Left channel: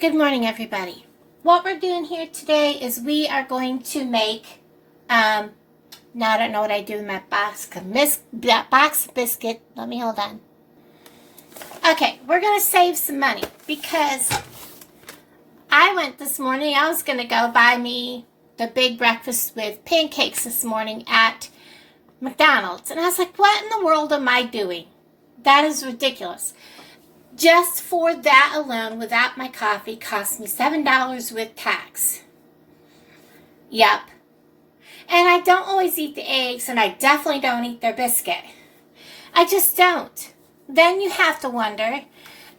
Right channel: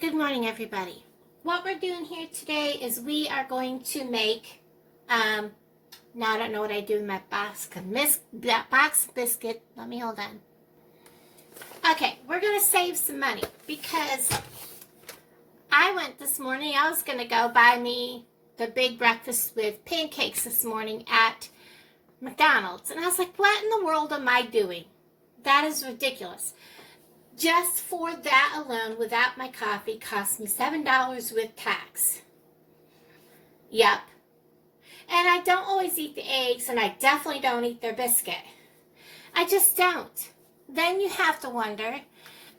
Good morning, everybody. What we're doing here today is we are going to make, now I don't know what I do with my box of biscuit. Let me hold on. Okay, we're going to save some money because I went this morning, I was going to go buy me the big breakfast with pancakes this morning at McDonald's. And I was like, what in the world am I doing? That is ridiculous. Just for that alone, without my coffee, cost me $7 with tax. Yep. And I don't always eat the eggs, and I definitely don't eat their biscuit. I just don't. Then you have to wonder,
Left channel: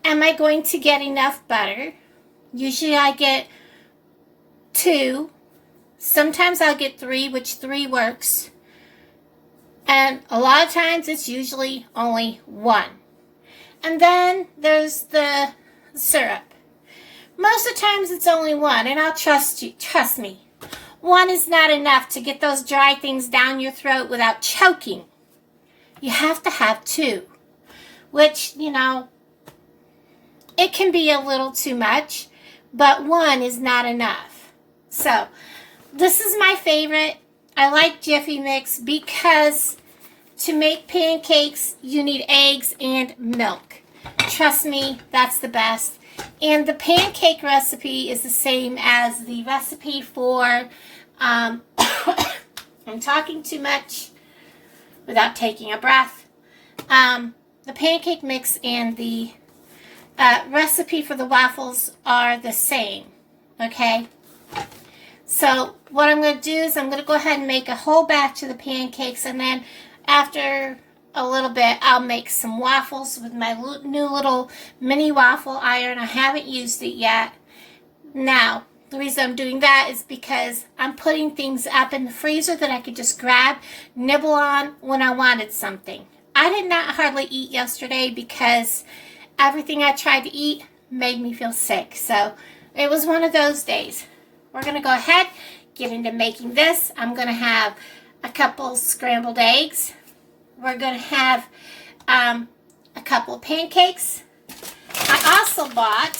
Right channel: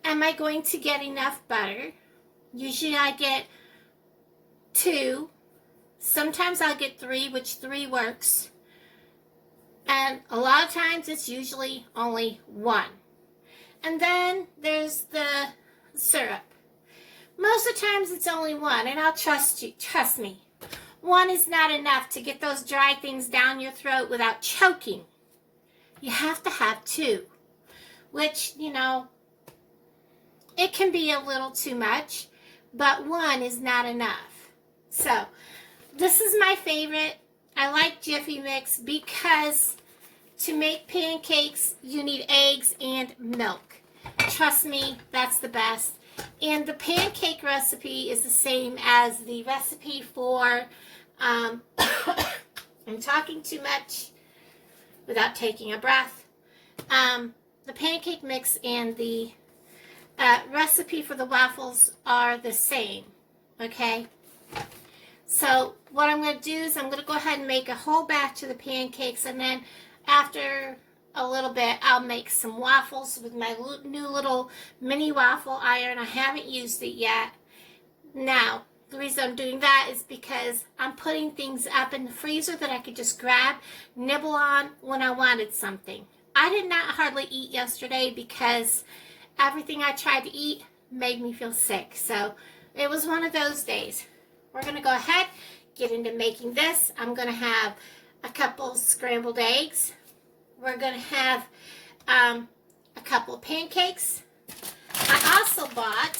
am I going to get enough butter? Usually I get 2. Sometimes I'll get 3, which 3 works. And a lot of times it's usually only 1. And then there's the syrup. Most of the times it's only 1, and I'll trust you. Trust me. 1 is not enough to get those dry things down your throat without choking. You have to have 2, which, you know, it can be a little too much, but 1 is not enough. So, this is my favorite. I like Jiffy Mix because to make pancakes, you need eggs and milk. Trust me, that's the best. And the pancake recipe is the same as the recipe for, I'm talking too much without taking a breath. The pancake mix and the recipe for the waffles are the same, okay? So what I'm going to do is I'm going to go ahead and make a whole batch of the pancakes, and then after a little bit, I'll make some waffles with my new little mini waffle iron. I haven't used it yet. Now, the reason I'm doing that is because I'm putting things up in the freezer that I could just grab, nibble on when I wanted something. I did not hardly eat yesterday because everything I tried to eat made me feel sick. So it was one of those days. We're going to go ahead, get into making this. I'm going to have a couple scrambled eggs. We're going to have a couple of pancakes. I also bought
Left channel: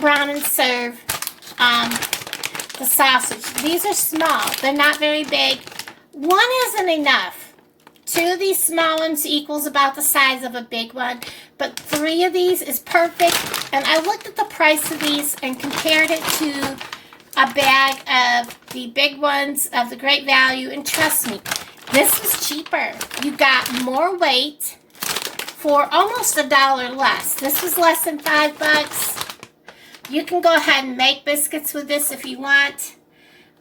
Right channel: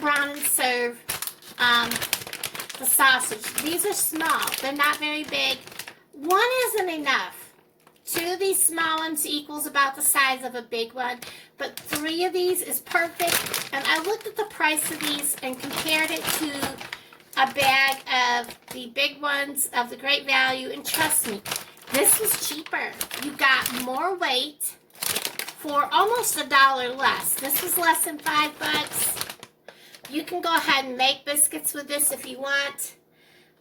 Brown and Serve the sausage. These are small. They're not very big. 1 isn't enough. 2 of these small ones equals about the size of a big one, but 3 of these is perfect. And I looked at the price of these and compared it to a bag of the big ones of the Great Value, and trust me, this was cheaper. You got more weight for almost $1 less. This was less than $5. You can go ahead and make biscuits with this if you want.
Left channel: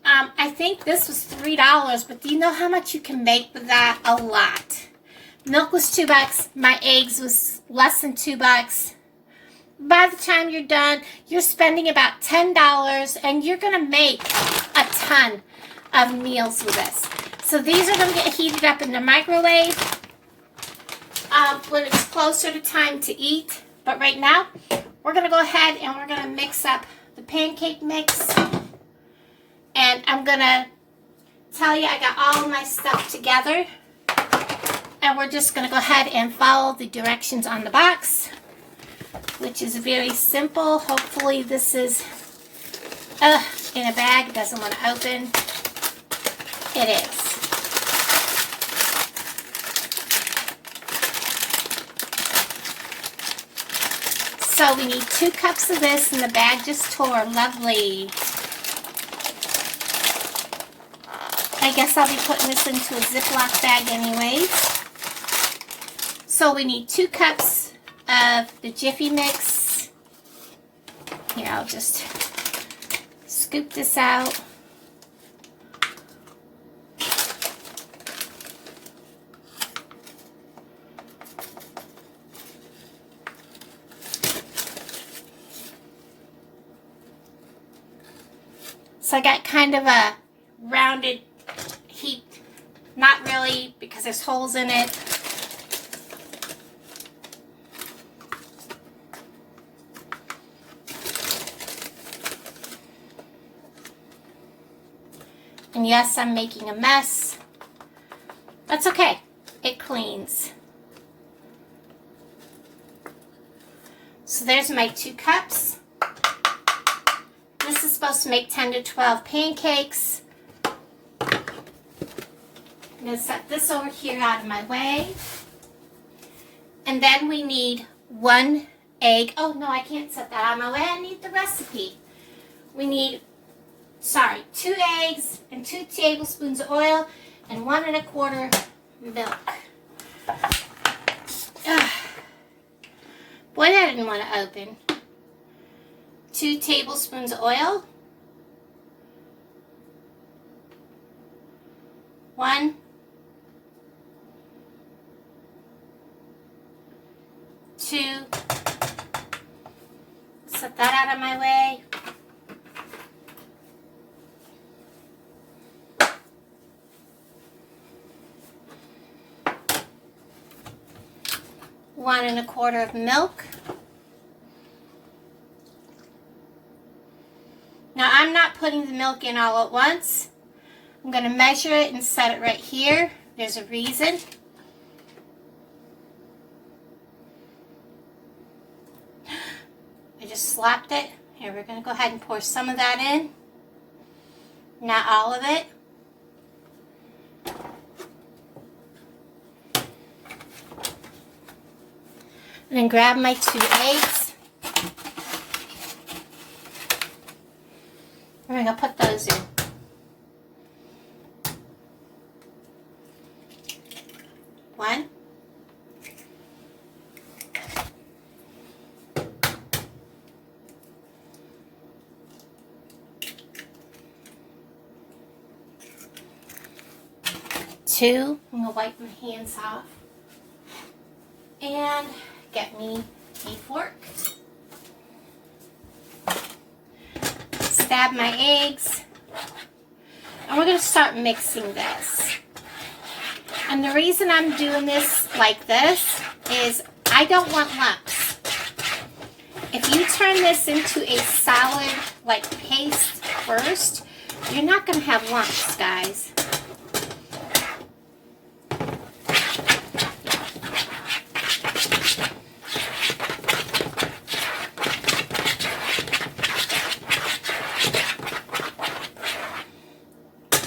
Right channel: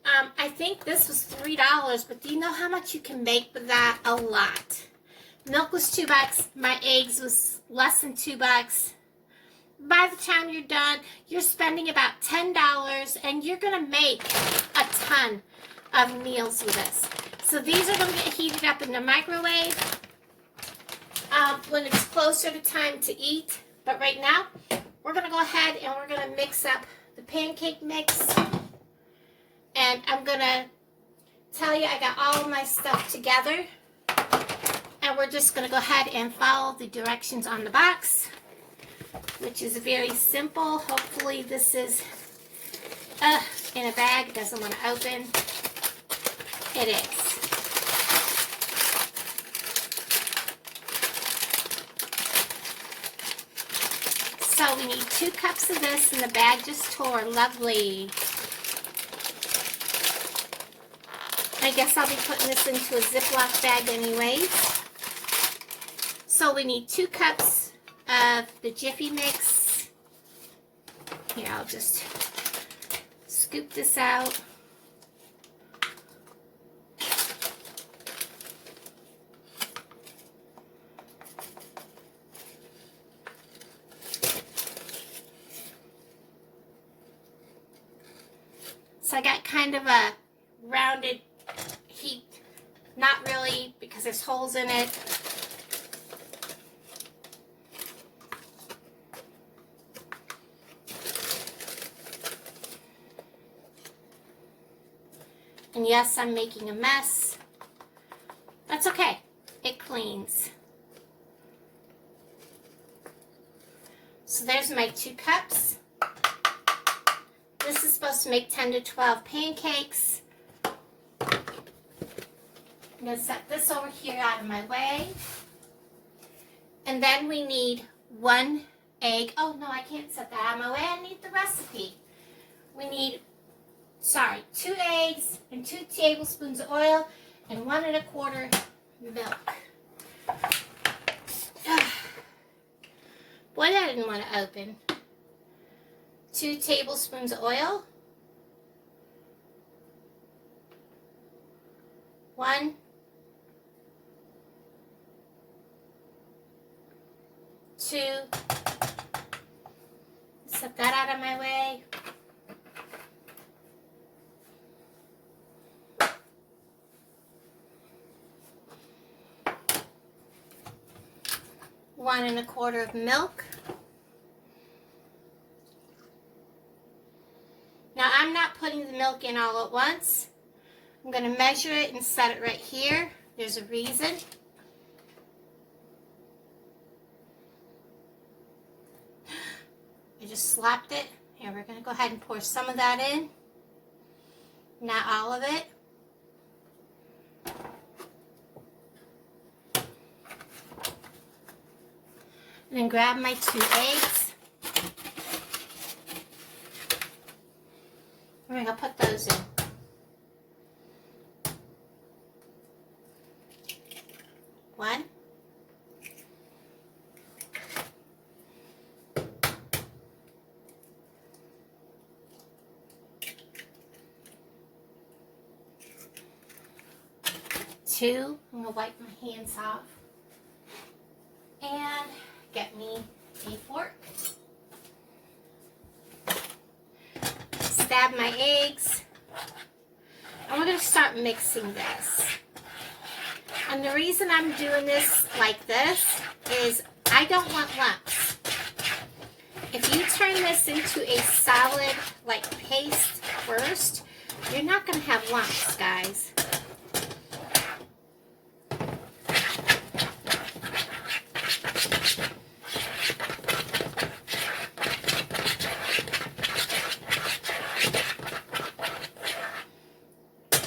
I think this was $3, but do you know how much you can make with that? A lot. Milk was $2. My eggs was less than $2. By the time you're done, you're spending about $10, and you're going to make a ton of meals with this. So these are going to get heated up in the microwave when it's closer to time to eat. But right now, we're going to go ahead and we're going to mix up the pancake mix. And I'm going to tell you I got all of my stuff together. And we're just going to go ahead and follow the directions on the box, which is very simple. Hopefully this is in a bag. It doesn't want to open. It is. So we need 2 cups of this, and the bag just tore. Lovely. I guess I'll be putting this into a Ziploc bag anyways. So we need 2 cups of the Jiffy Mix. Here, I'll just scoop this out. So I got kind of a rounded heap. Not really, because there's holes in it. And yes, I'm making a mess. That's okay. It cleans. So there's my 2 cups. This is supposed to make 10 to 12 pancakes. I'm going to set this over here out of my way. And then we need 1 egg. Oh, no, I can't set that out of my way. I need the recipe. We need, 2 eggs and 2 tablespoons of oil and 1 1/4 milk. Ugh. Boy, that didn't want to open. 2 tablespoons of oil. 1, 2. Set that out of my way. One and 1/4 of milk. Now I'm not putting the milk in all at once. I'm going to measure it and set it right here. There's a reason. I just slapped it. Here, we're going to go ahead and pour some of that in. Not all of it. And then grab my 2 eggs. I'm going to put those in. One. Two. I'm going to wipe my hands off. And get me a fork. Stab my eggs. And we're going to start mixing this. And the reason I'm doing this like this is I don't want lumps. If you turn this into a solid like paste first, you're not going to have lumps, guys.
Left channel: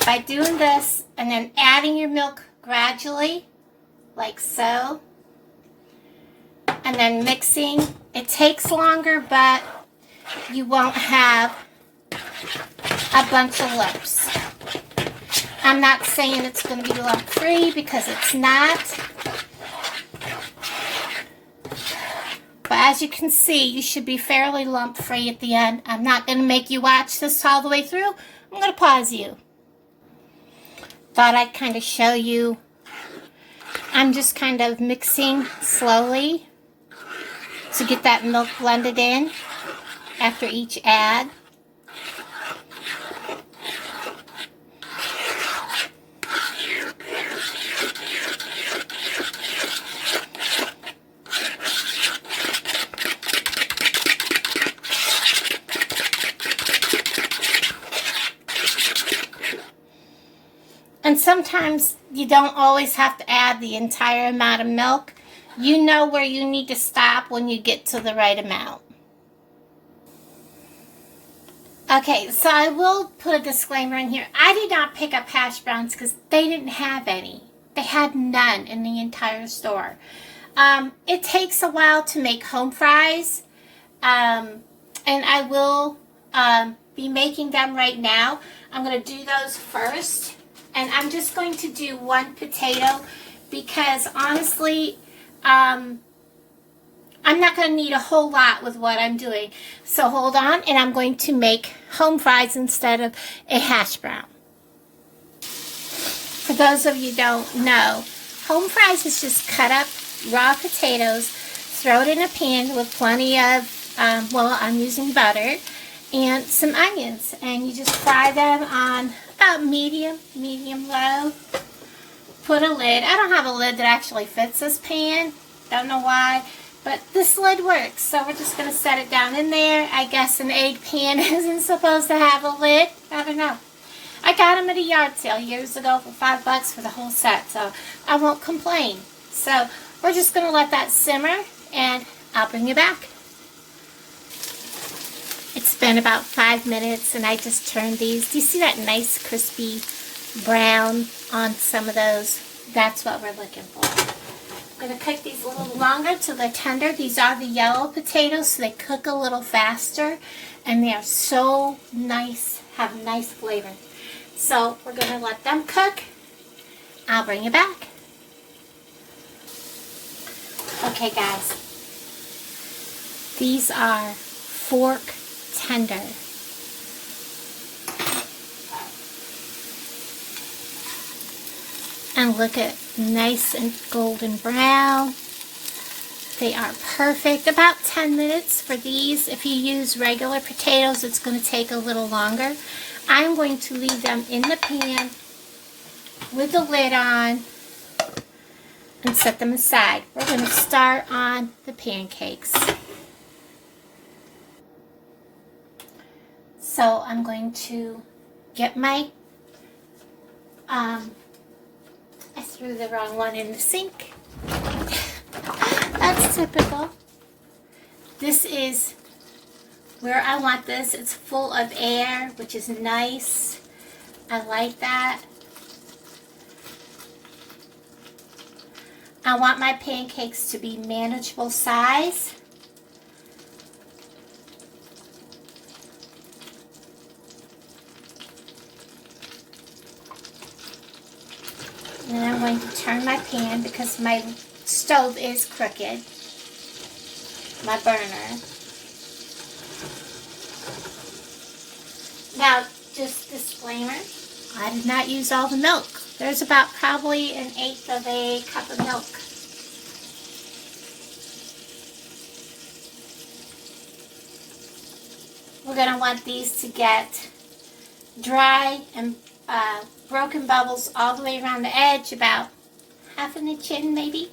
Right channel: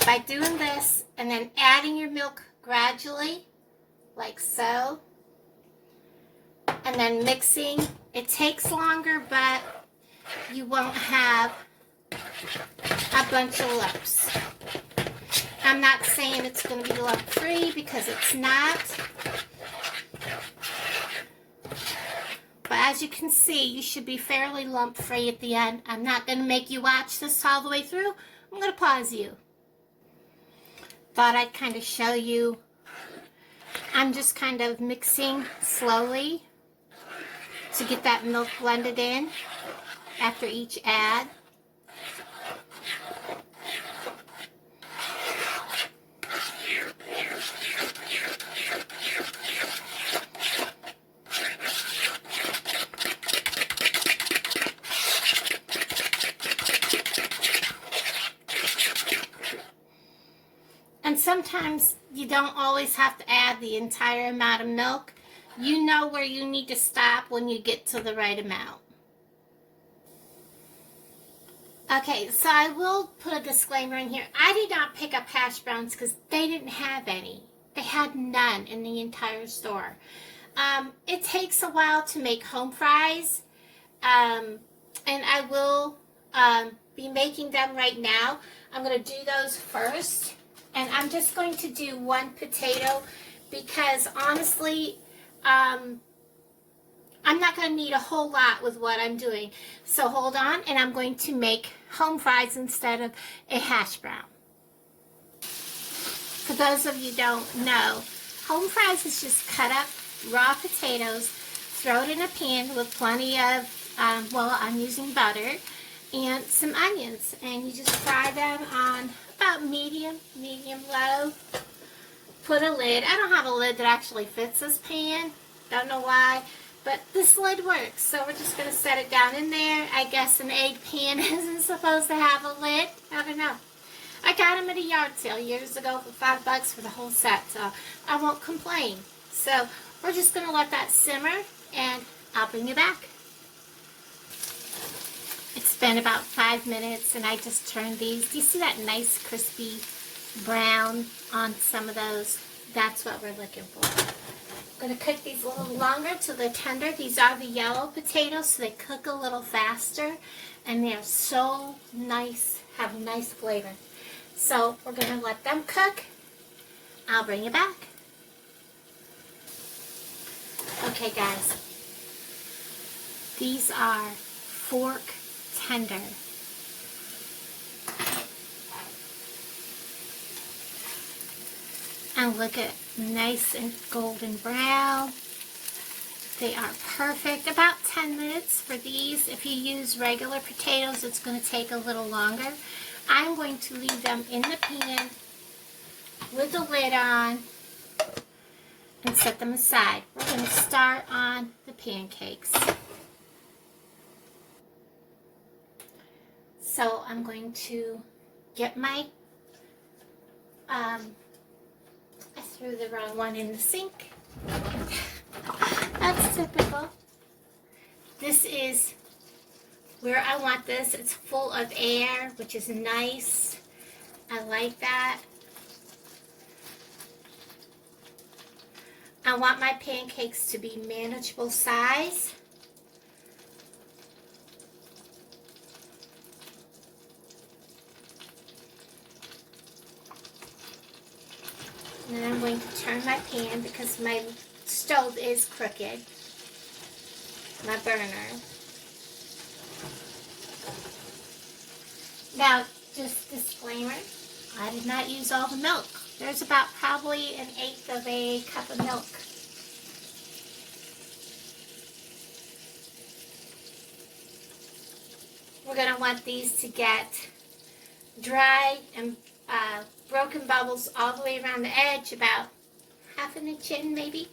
By doing this and then adding your milk gradually, like so, and then mixing, it takes longer, but you won't have a bunch of lumps. I'm not saying it's going to be lump-free because it's not. But as you can see, you should be fairly lump-free at the end. I'm not going to make you watch this all the way through. I'm going to pause you. Thought I'd kind of show you. I'm just kind of mixing slowly to get that milk blended in after each add. And sometimes you don't always have to add the entire amount of milk. You know where you need to stop when you get to the right amount. Okay, so I will put a disclaimer in here. I did not pick up hash browns because they didn't have any. They had none in the entire store. It takes a while to make home fries. And I will be making them right now. I'm going to do those first. And I'm just going to do 1 potato because honestly, I'm not going to need a whole lot with what I'm doing. So hold on, and I'm going to make home fries instead of a hash brown. For those of you who don't know, home fries is just cut up raw potatoes, throw it in a pan with plenty of, I'm using butter, and some onions. And you just fry them on about medium low. Put a lid. I don't have a lid that actually fits this pan. Don't know why. But this lid works. So we're just going to set it down in there. I guess an egg pan isn't supposed to have a lid. I don't know. I got them at a yard sale years ago for $5 for the whole set. So I won't complain. So we're just going to let that simmer. And I'll bring you back. been about 5 minutes, and I just turned these. Do you see that nice crispy brown on some of those? That's what we're looking for. I'm going to cook these a little longer till they're tender. These are the yellow potatoes, so they cook a little faster, and they are so nice, have a nice flavor. So we're going to let them cook. I'll bring you back. Okay, guys. These are fork tender. And look at nice and golden brown. They are perfect. About 10 minutes for these. If you use regular potatoes, it's going to take a little longer. I'm going to leave them in the pan with the lid on and set them aside. We're going to start on the pancakes. So I'm going to get my, I threw the wrong one in the sink. That's typical. This is where I want this. It's full of air, which is nice. I like that. I want my pancakes to be manageable size. And I'm going to turn my pan because my stove is crooked. My burner. Now, just disclaimer, I did not use all the milk. There's about probably 1/8 of a cup of milk. We're going to want these to get dry and broken bubbles all the way around the edge, about 1/2 inch in maybe.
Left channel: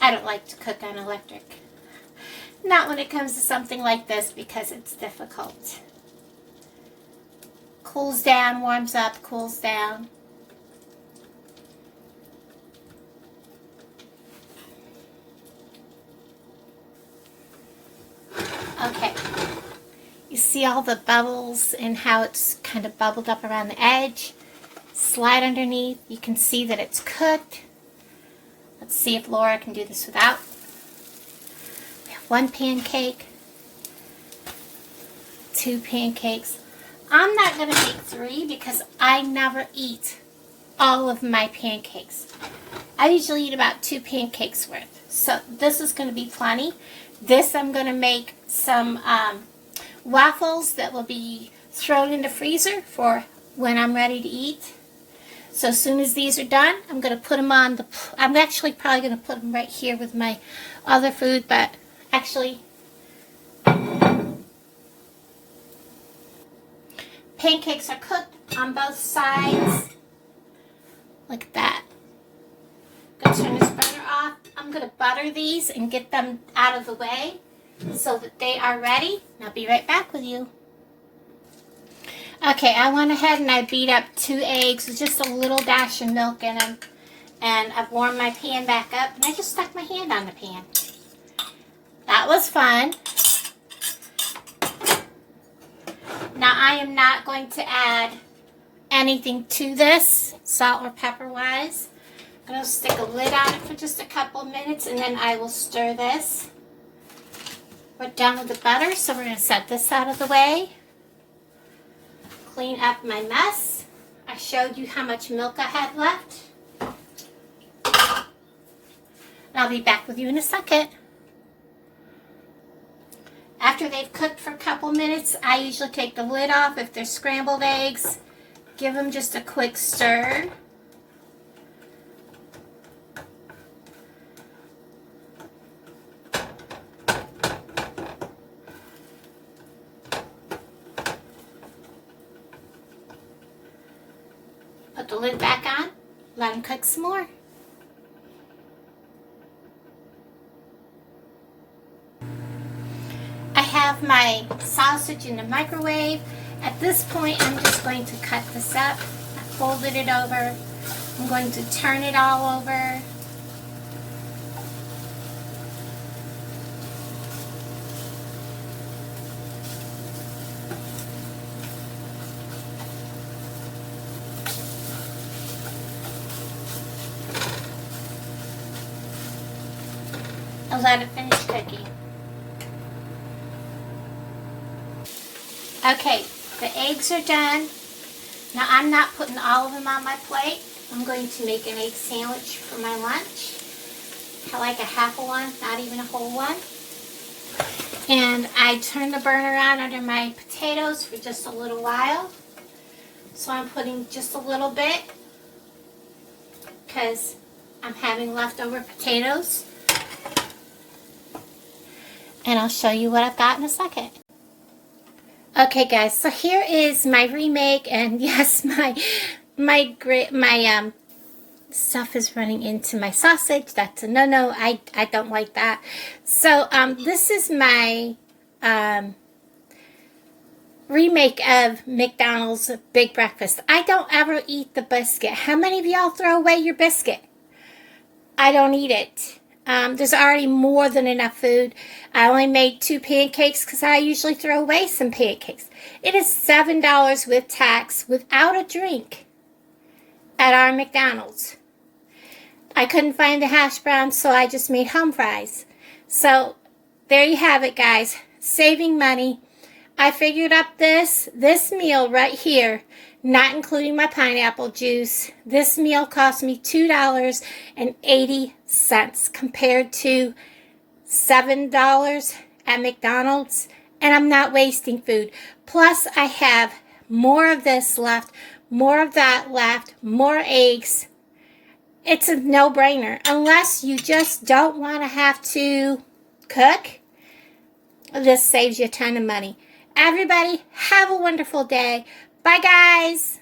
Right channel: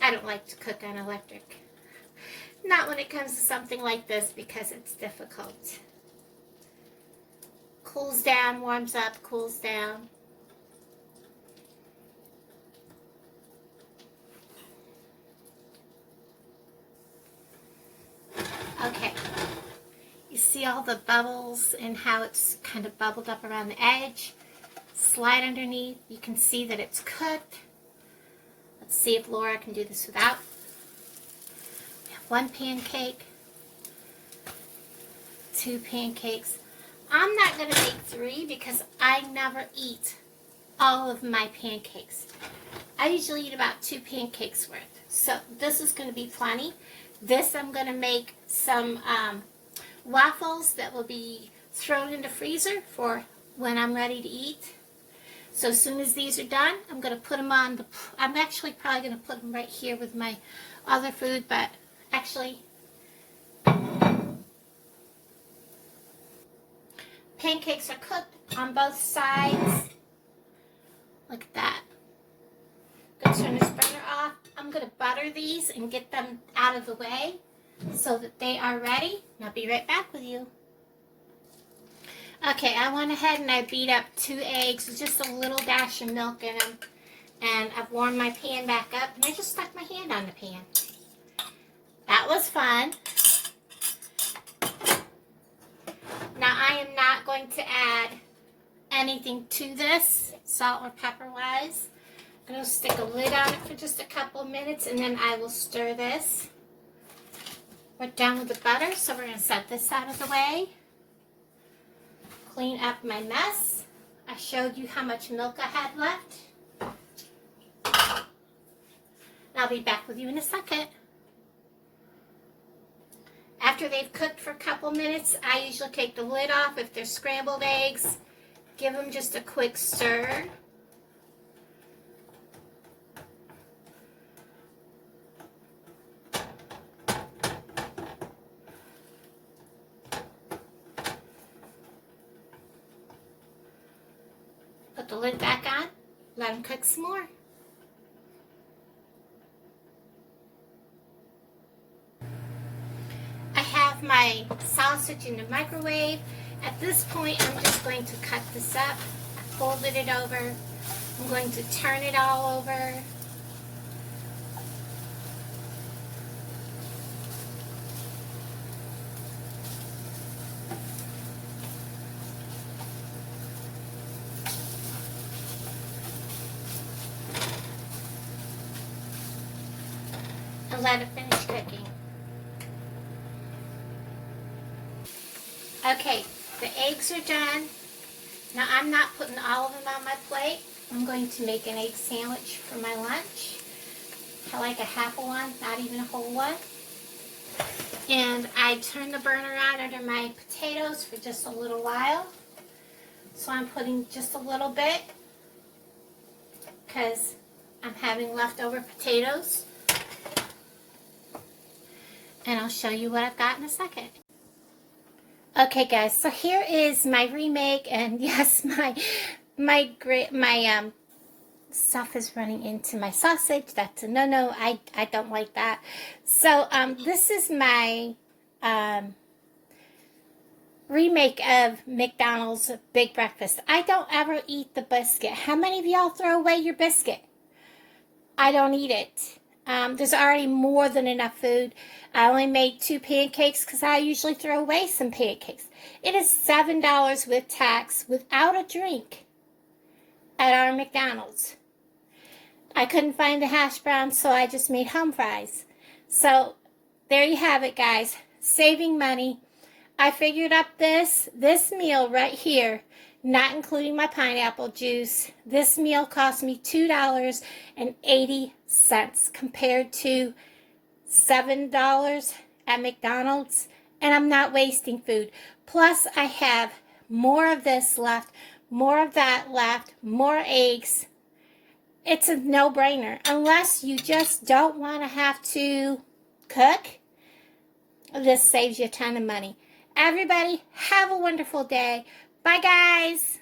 I don't like to cook on electric. Not when it comes to something like this because it's difficult. Cools down, warms up, cools down. Okay. You see all the bubbles and how it's kind of bubbled up around the edge. Slide underneath. You can see that it's cooked. Let's see if Laura can do this without. We have 1 pancake, 2 pancakes. I'm not going to make 3 because I never eat all of my pancakes. I usually eat about 2 pancakes worth. So this is going to be plenty. This I'm going to make some waffles that will be thrown in the freezer for when I'm ready to eat. So as soon as these are done, I'm going to put them on the, I'm actually probably going to put them right here with my other food, but actually, pancakes are cooked on both sides, like that. I'm going to turn this burner off. I'm going to butter these and get them out of the way so that they are ready. And I'll be right back with you. Okay, I went ahead and I beat up 2 eggs with just a little dash of milk in them. And I've warmed my pan back up, and I just stuck my hand on the pan. That was fun. Now I am not going to add anything to this, salt or pepper wise. I'm going to stick a lid on it for just a couple minutes, and then I will stir this. We're done with the butter, so we're going to set this out of the way. Clean up my mess. I showed you how much milk I had left. And I'll be back with you in a second. After they've cooked for a couple minutes, I usually take the lid off. If they're scrambled eggs, give them just a quick stir. Put the lid back on, let them cook some more. I have my sausage in the microwave. At this point, I'm just going to cut this up. I folded it over. I'm going to turn it all over. I'll let it finish cooking. Okay, the eggs are done. Now I'm not putting all of them on my plate. I'm going to make an egg sandwich for my lunch. I like a half a one, not even a whole one. And I turn the burner on under my potatoes for just a little while. So I'm putting just a little bit because I'm having leftover potatoes. And I'll show you what I've got in a second. Okay guys, so here is my remake, and yes, my stuff is running into my sausage. That's a no-no. I don't like that. So this is my remake of McDonald's Big Breakfast. I don't ever eat the biscuit. How many of y'all throw away your biscuit? I don't eat it. There's already more than enough food. I only made 2 pancakes because I usually throw away some pancakes. It is $7 with tax without a drink at our McDonald's. I couldn't find the hash browns, so I just made home fries. So there you have it, guys. Saving money. I figured up this meal right here, not including my pineapple juice. This meal cost me $2.80 compared to $7 at McDonald's, and I'm not wasting food. Plus, I have more of this left, more of that left, more eggs. It's a no-brainer. Unless you just don't want to have to cook, this saves you a ton of money. Everybody, have a wonderful day. Bye, guys.